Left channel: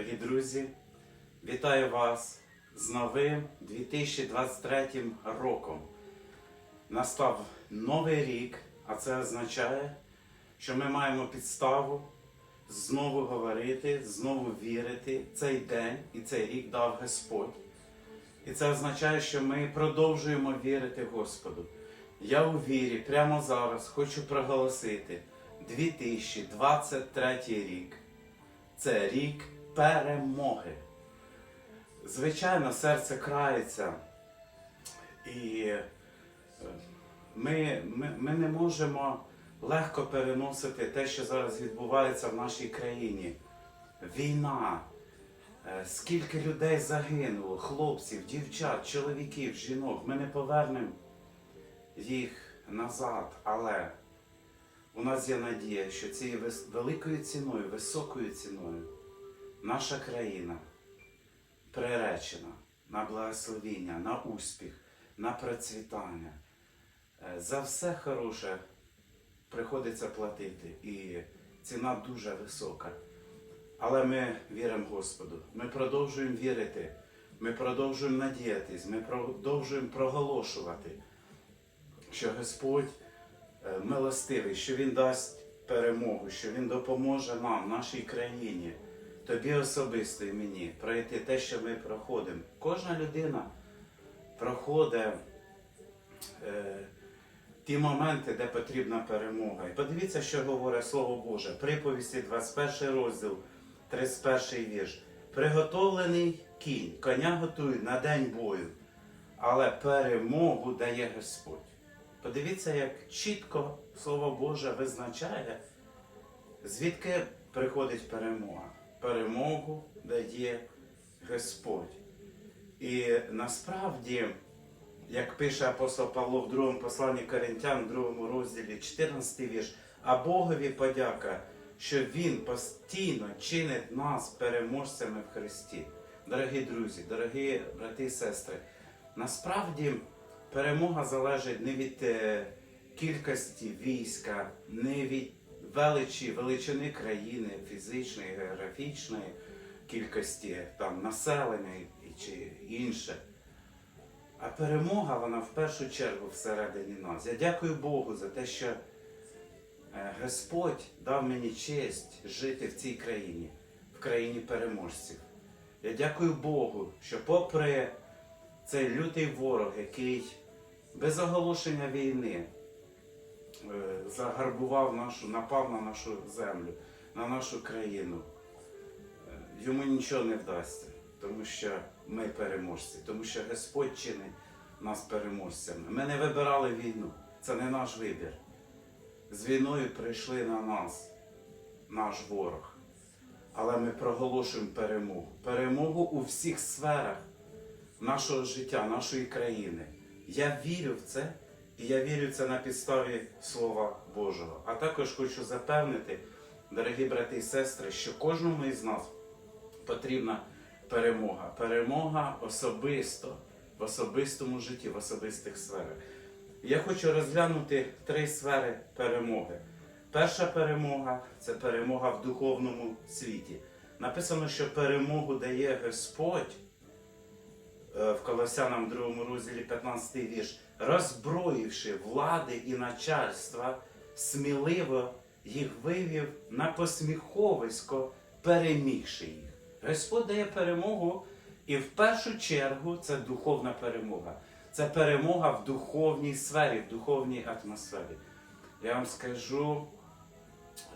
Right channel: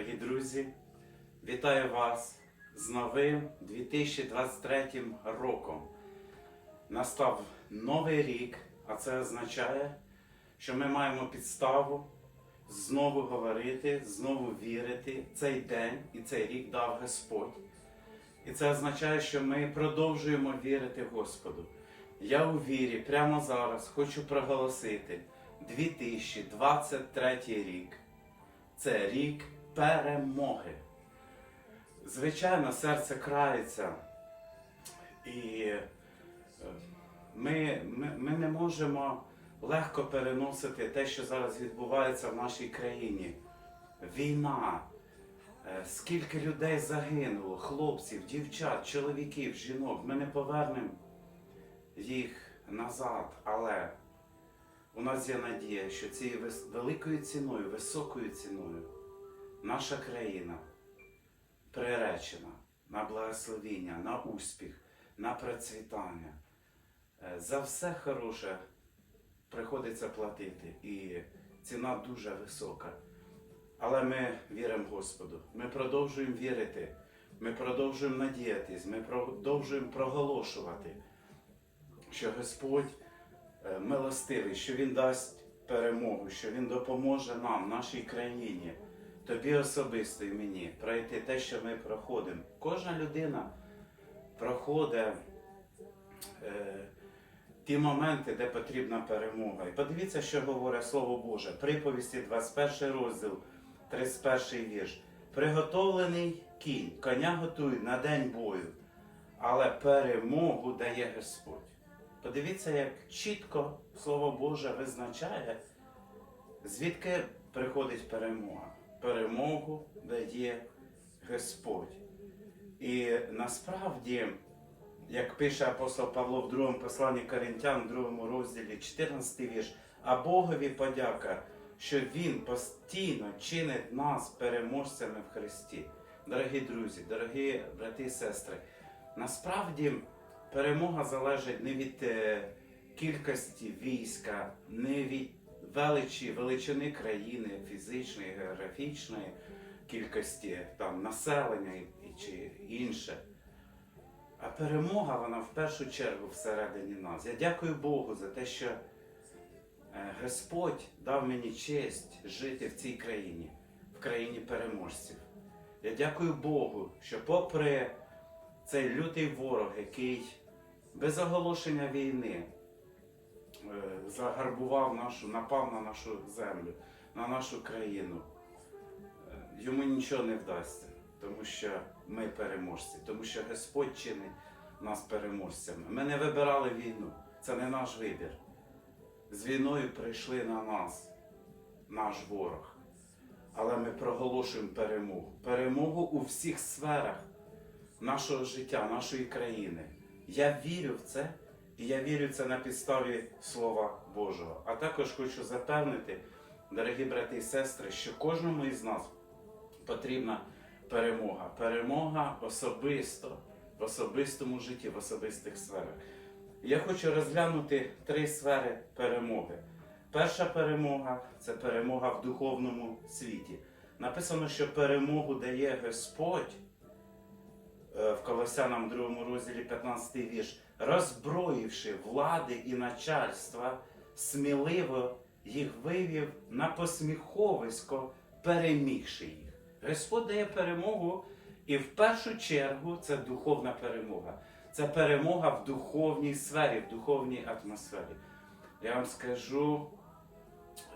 Дорогі друзі, вітаю вас з новим 2023 роком. Настав новий рік, а це означає, що ми маємо підставу знову говорити, знову вірити. Цей день і цей рік дав Господь. І це означає, що ми продовжуємо вірити Господу. Я у вірі прямо зараз хочу проголосити 2023 рік. Це рік перемоги. Звичайно, серце крається, і е, ми, ми, ми не можемо легко переносити те, що зараз відбувається в нашій країні. Війна. Е, Скільки людей загинуло, хлопців, дівчат, чоловіків, жінок. Ми не повернемо їх назад, але у нас є надія, що цією великою ціною, високою ціною наша країна приречена на благословіння, на успіх, на процвітання. Е, За все хороше приходиться платити, і ціна дуже висока. Але ми віримо Господу. Ми продовжуємо вірити, ми продовжуємо надіятись, ми продовжуємо проголошувати, що Господь е, милостивий, що Він дасть перемогу, що Він допоможе нам, нашій країні, тобі особисто і мені пройти те, що ми проходимо. Кожна людина проходить е, ті моменти, де потрібна перемога. І подивіться, що говорить Слово Боже. Приповісті 21 розділ, 31 вірш. Приготовлений кінь, коня готують на день бою, але перемогу дає Господь. Подивіться, як чітко Слово Боже визначає, звідки приходить перемога. Перемогу дає Господь. І насправді, як пише апостол Павло в другому посланні Коринтян, в другому розділі, 14 вірш, а Богові подяка, що Він постійно чинить нас переможцями в Христі. Дорогі друзі, дорогі брати і сестри, насправді перемога залежить не від е, кількості війська, не від величі, величини країни, фізичної, географічної кількості там, населення чи інше. А перемога, вона в першу чергу всередині нас. Я дякую Богу за те, що е, Господь дав мені честь жити в цій країні, в країні переможців. Я дякую Богу, що попри цей лютий ворог, який без оголошення війни загарбував нашу, напав на нашу землю, на нашу країну, е, йому нічого не вдасться, тому що ми переможці, тому що Господь чинить нас переможцями. Ми не вибирали війну, це не наш вибір. З війною прийшли на нас, наш ворог. Але ми проголошуємо перемогу. Перемогу у всіх сферах нашого життя, нашої країни. Я вірю в це, і я вірю це на підставі Слова Божого. А також хочу запевнити, дорогі брати і сестри, що кожному із нас потрібна перемога. Перемога особисто, в особистому житті, в особистих сферах. Я хочу розглянути три сфери перемоги. Перша перемога це перемога в духовному світі. Написано, що перемогу дає Господь е, в Колосянам 2 розділі 15 вірш, роззброївши влади і начальства, сміливо їх вивів на посміховисько, перемігши їх. Господь дає перемогу, і в першу чергу це духовна перемога. Це перемога в духовній сфері, в духовній атмосфері. Я вам скажу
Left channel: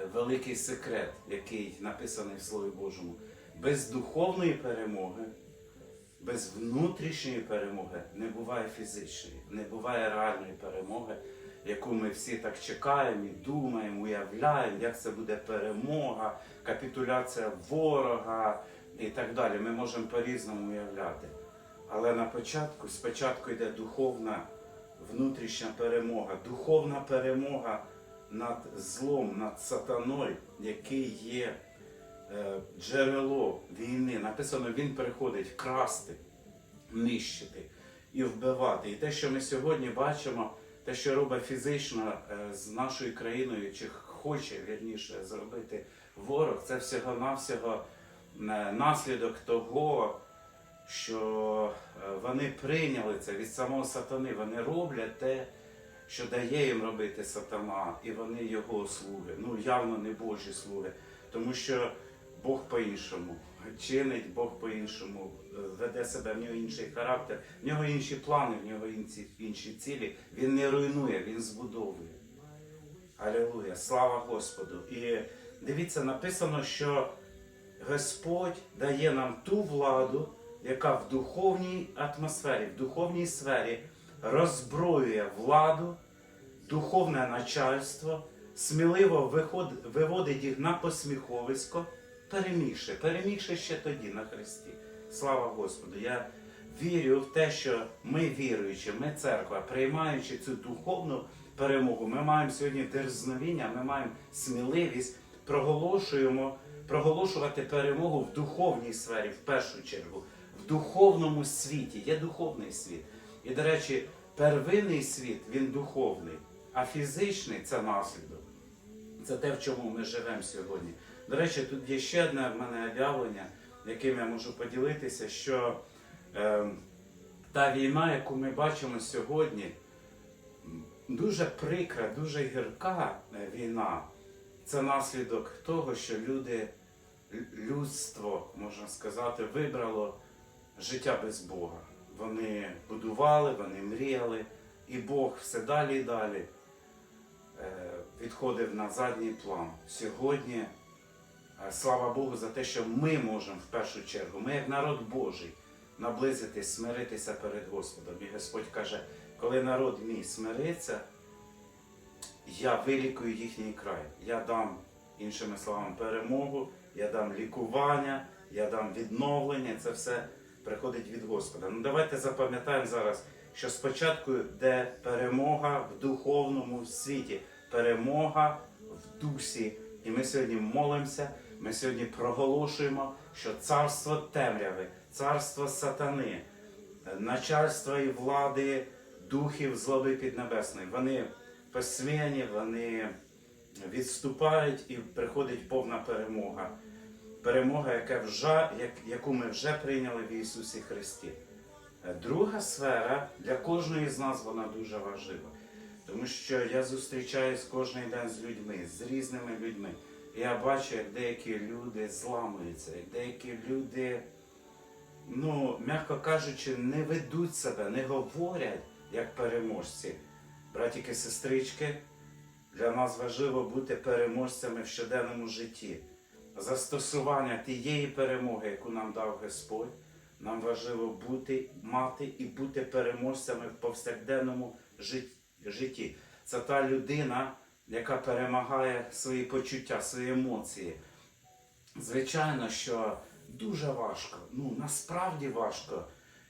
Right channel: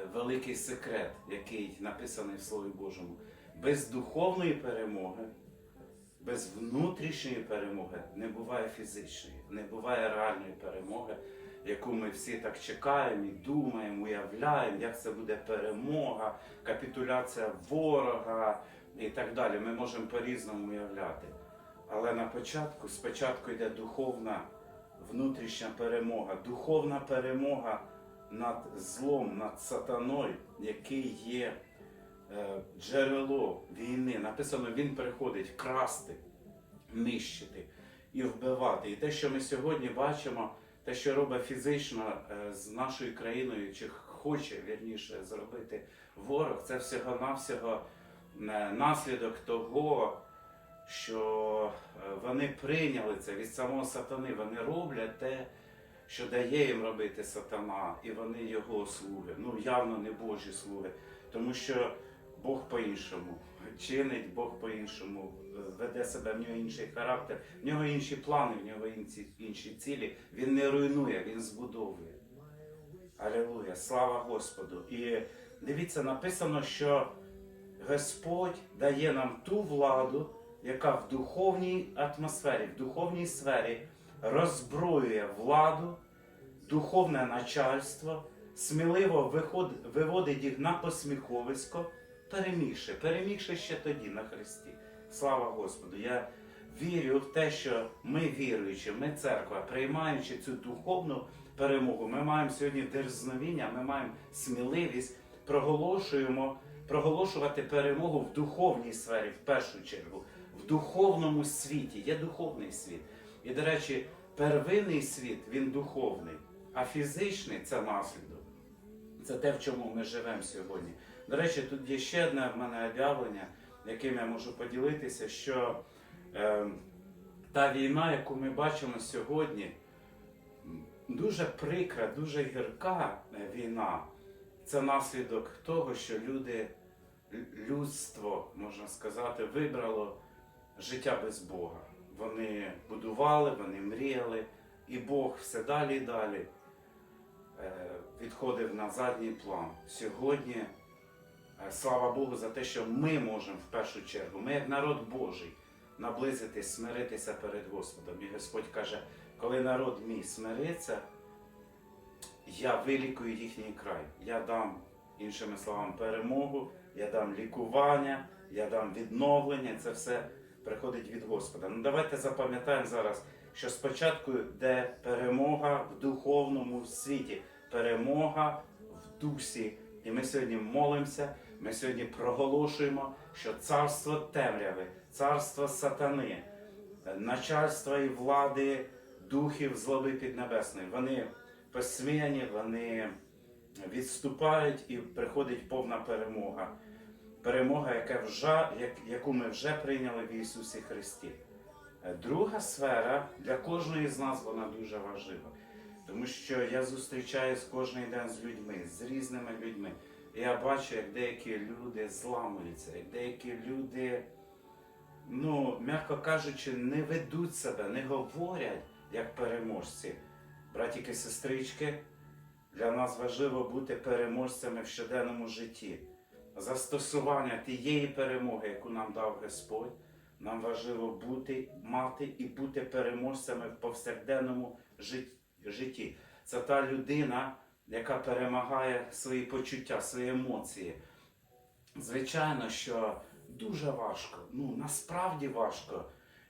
е, великий секрет, який написаний в Слові Божому. Без духовної перемоги, без внутрішньої перемоги не буває фізичної, не буває реальної перемоги, яку ми всі так чекаємо і думаємо, уявляємо, як це буде перемога, капітуляція ворога і так далі. Ми можемо по-різному уявляти. Але на початку, спочатку йде духовна внутрішня перемога, духовна перемога над злом, над сатаною, який є джерело війни. Написано, він приходить красти, нищити і вбивати. І те, що ми сьогодні бачимо, те, що робить фізично е, з нашою країною, чи хоче вірніше зробити ворог, це всього-навсього е, наслідок того, що е, вони прийняли це від самого сатани. Вони роблять те, що дає їм робити сатана, і вони його слуги. Ну явно не Божі слуги, тому що Бог по-іншому чинить, Бог по-іншому е, веде себе, в нього інший характер, в нього інші плани, в нього інші, цілі. Він не руйнує, він збудовує. Алілуя, слава Господу! І дивіться, написано, що Господь дає нам ту владу, яка в духовній атмосфері, в духовній сфері роззброює владу, духовне начальство, сміливо виводить їх на посміховисько, перемігши, перемігши ще тоді на Христі. Слава Господу! Я вірю в те, що ми віруючи, ми церква, приймаючи цю духовну перемогу, ми маємо сьогодні дерзновіння, ми маємо сміливість, проголошуємо, проголошувати перемогу в духовній сфері, в першу чергу, в духовному світі. Є духовний світ. І, до речі, первинний світ він духовний, а фізичний це наслідок. Це те, в чому ми живемо сьогодні. До речі, тут є ще одне в мене об'явлення, яким я можу поділитися, що е, та війна, яку ми бачимо сьогодні, дуже прикра, дуже гірка е, війна. Це наслідок того, що люди, людство, можна сказати, вибрало життя без Бога. Вони будували, вони мріяли, і Бог все далі і далі е, відходив на задній план. Сьогодні, слава Богу, за те, що ми можемо в першу чергу, ми як народ Божий, наблизитись, смиритися перед Господом. І Господь каже, коли народ мій смириться, я вилікую їхній край. Я дам, іншими словами, перемогу, я дам лікування, я дам відновлення. Це все приходить від Господа. Ну давайте запам'ятаємо зараз, що спочатку йде перемога в духовному світі, перемога в дусі. І ми сьогодні молимося, ми сьогодні проголошуємо, що царство темряви, царство сатани, начальство і влади духів злоби піднебесної, вони посміяні, вони відступають і приходить повна перемога. Перемога, яка вже, яку ми вже прийняли в Ісусі Христі. Друга сфера для кожної з нас вона дуже важлива. Тому що я зустрічаюсь кожен день з людьми, з різними людьми. Я бачу, як деякі люди зламуються, як деякі люди, ну, м'яко кажучи, не ведуть себе, не говорять як переможці. Братіки, сестрички, для нас важливо бути переможцями в щоденному житті. Застосування тієї перемоги, яку нам дав Господь, нам важливо бути, мати і бути переможцями в повсякденному житті. Це та людина, яка перемагає свої почуття, свої емоції. Звичайно, що дуже важко, ну насправді важко.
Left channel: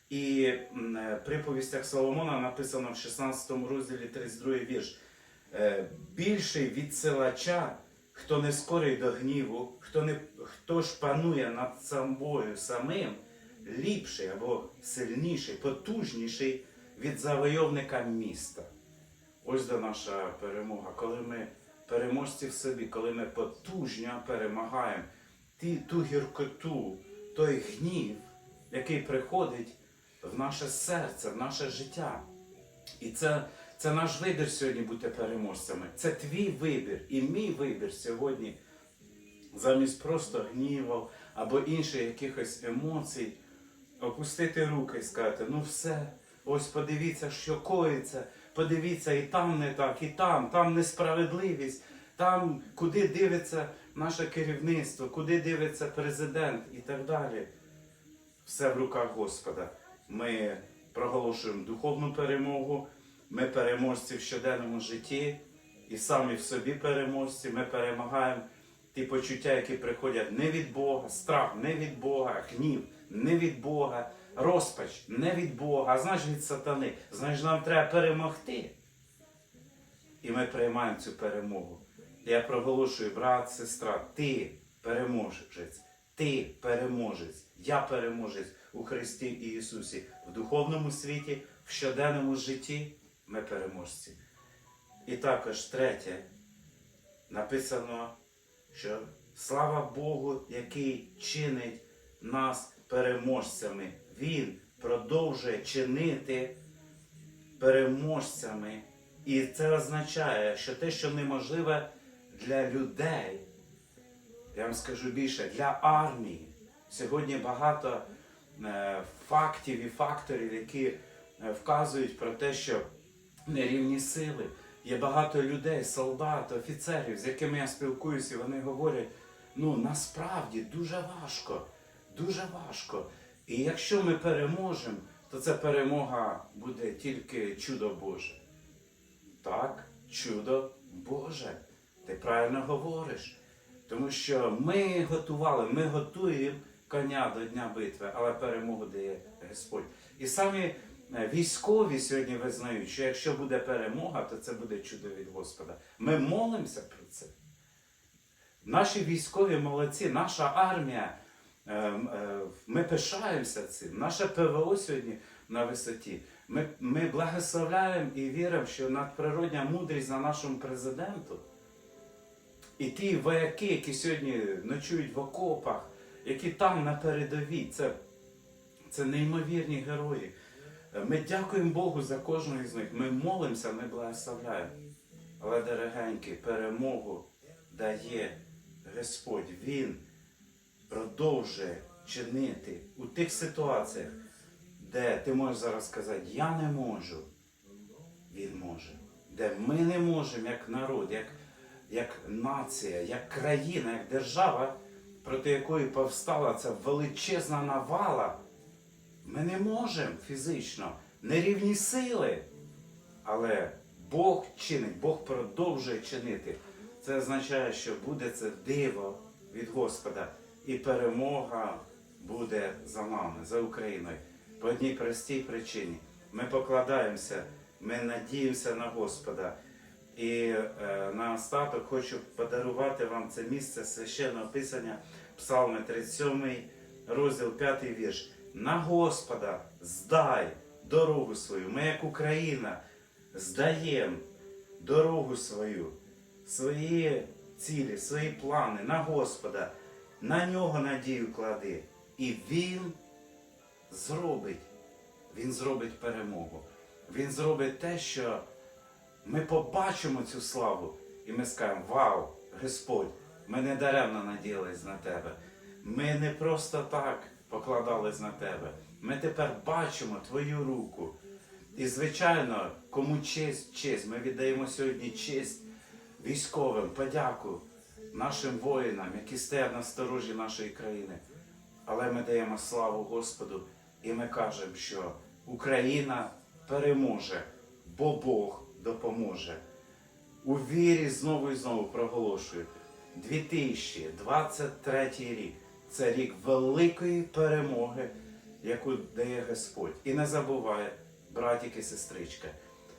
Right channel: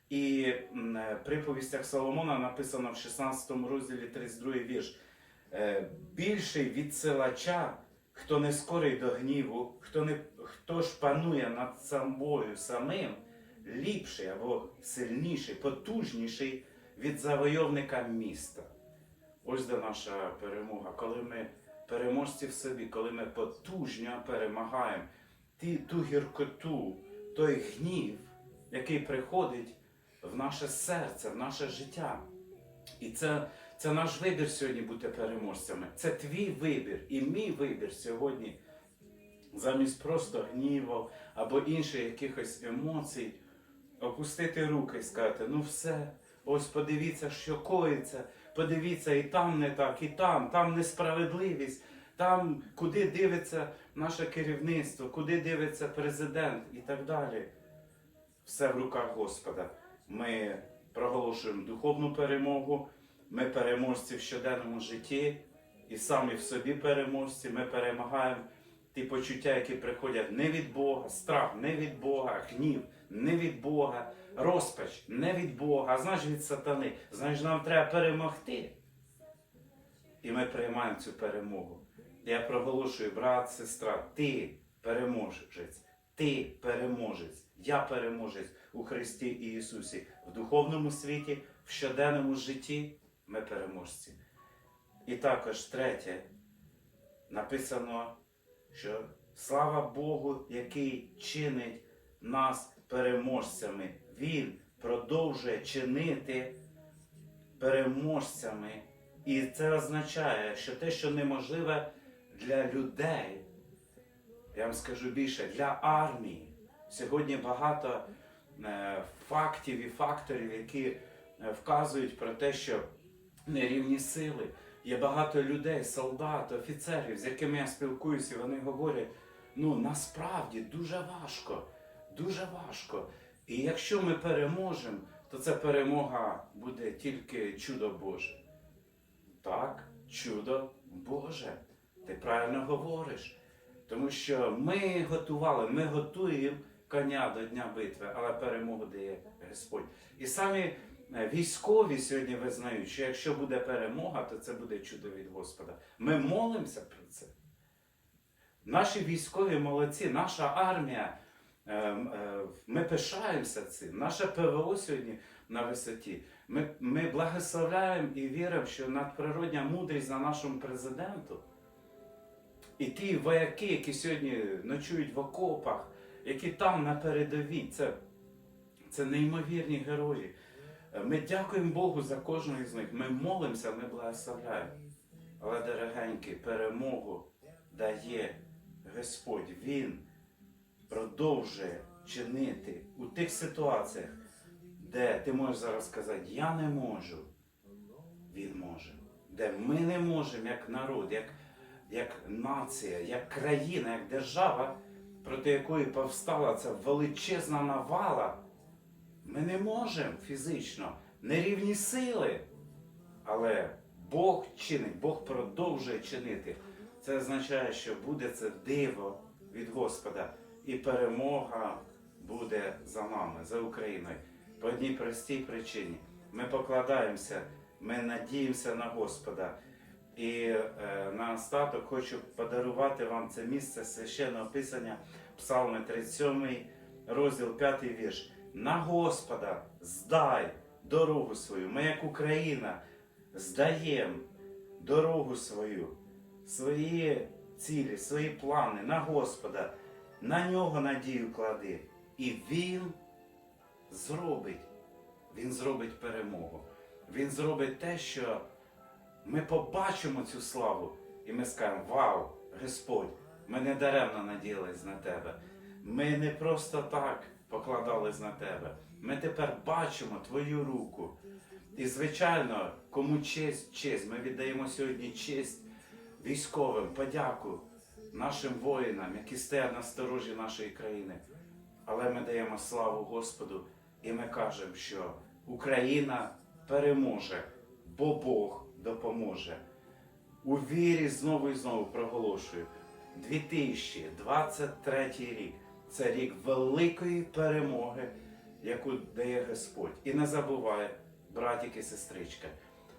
І е, при повістях Соломона написано в 16 розділі 32 вірш. Е, Більший відсилача, хто не скорий до гніву, хто, не, хто ж панує над собою самим, ліпший або сильніший, потужніший від завойовника міста. Ось де наша перемога. Коли ми переможці в собі, коли ми потужно перемагаємо ті, ту гіркоту, той гнів, який приходить в наше серце, в наше життя. І це, це наш вибір сьогодні бути переможцями. Це твій вибір і мій вибір сьогодні замість просто гніву або інших якихось емоцій, опустити руки і сказати, ну все, ось подивіться, що коїться, подивіться, і там не так, і там, там несправедливість, там куди дивиться наше керівництво, куди дивиться президент і так далі. Все в руках Господа. Ми проголошуємо духовну перемогу, ми переможці в щоденному житті і самі в собі переможці. Ми перемагаємо ті почуття, які приходять не від Бога, страх не від Бога, гнів не від Бога, розпач не від Бога, а значить від сатани. Значить, нам треба перемогти. І ми приймаємо цю перемогу. Я проголошую, брат, сестра, ти переможець, ти переможець, я переможець у Христі і Ісусі. В духовному світі, в щоденному житті ми переможці. І також третє, написано, що Слава Богу, який чинить нас переможцями. Він продовжує чинити переможцями. І це означає, що те, що неможливе для людей, я вам скажу більше, для армії. Сьогодні багато е, фактів і факторів, які е, вказують про те, що нерівні сили. Є багато людей, солдат, офіцерів, з якими я спілкуюся, і вони говорять: ну насправді дуже важко, дуже важко. І якщо ми переможемо, то ця перемога буде тільки чудо Боже. Так, чудо Боже. Ти правильно говориш. Тому що ми готували, ми готуємо коня до Дня битви, але перемогу дає Господь. І самі е, військові сьогодні визнають, що якщо буде перемога, то це буде чудо від Господа. Ми молимося про це. Наші військові молодці, наша армія, ми пишаємося цим. Наше ПВО сьогодні на висоті. Ми, ми благословляємо і віримо, що надприродня мудрість на нашому президенту. І ті вояки, які сьогодні ночують в окопах, які там на передовій, це, це неймовірні герої. Ми дякуємо Богу за кожного з них. Ми молимося, ми благословляємо. Але, дорогенькі, перемогу дає Господь. Він продовжує чинити у тих ситуаціях, де ти можеш зараз сказати, я не можу. Він може. Де ми не можемо, як народ, як, як нація, як країна, як держава, проти якої повстала ця величезна навала. Ми не можемо фізично, нерівні сили. Але Бог чинить, Бог продовжує чинити. Це означає, що буде це диво від Господа, і перемога буде за нами, за Україною. По одній простій причині. Ми покладаємося, ми надіємося на Господа. І е, на остаток хочу подарувати вам це місце священного писання, Псалми 37, розділ 5 вірш. На Господа здай дорогу свою. Ми, як Україна, здаємо дорогу свою, свої цілі, свої плани на Господа, на нього надію клади. І Він зробить. Він зробить перемогу. Він зробить те, що ми побачимо цю славу, і ми скажемо: Вау, Господь, ми не даремно надіялись на тебе. Ми не просто так покладались на тебе. Ми тепер бачимо твою руку. І, звичайно, кому честь, честь. Ми віддаємо сьогодні честь військовим, подяку нашим воїнам, які стоять на сторожі нашої країни. Але ми даємо славу Господу і ми кажемо, що Україна переможе, бо Бог допоможе. У вірі знову і знову проголошую. 2023 рік це рік великої перемоги, яку дає Господь. І не забувай, братик і сестричка,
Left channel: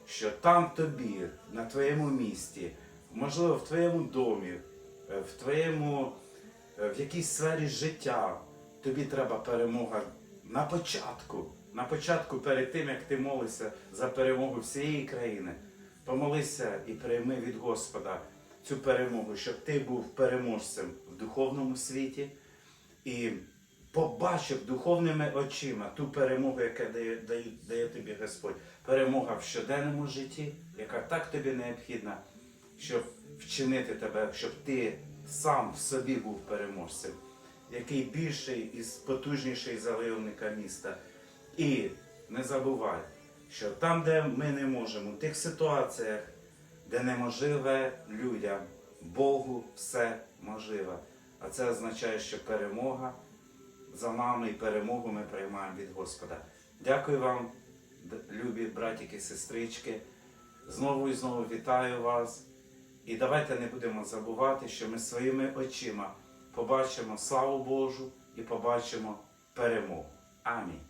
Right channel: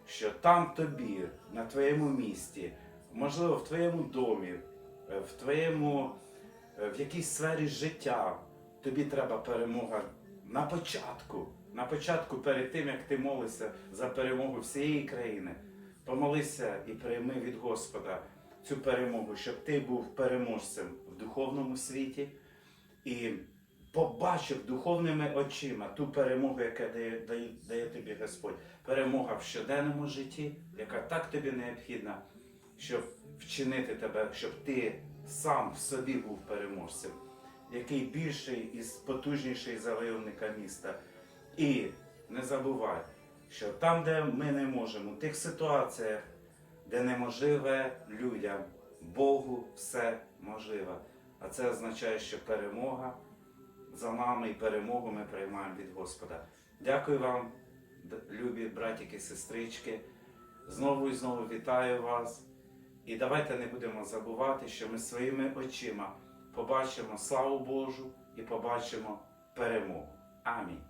що там тобі, на твоєму місті, можливо, в твоєму домі, в твоєму е, в якійсь сфері життя, тобі треба перемога на початку. На початку, перед тим, як ти молишся за перемогу всієї країни, помолися і прийми від Господа цю перемогу, щоб ти був переможцем в духовному світі і побачив духовними очима ту перемогу, яка дає, дає, дає тобі Господь. Перемога в щоденному житті, яка так тобі необхідна, щоб вчинити тебе, щоб ти сам в собі був переможцем, який більший і потужніший за леоника міста. І не забувай, що там, де ми не можемо, в тих ситуаціях, де неможливе людям, Богу все можливе. А це означає, що перемога за нами і перемогу ми приймаємо від Господа. Дякую вам, любі братики і сестрички. Знову і знову вітаю вас. І давайте не будемо забувати, що ми своїми очима побачимо славу Божу і побачимо перемогу. Амінь.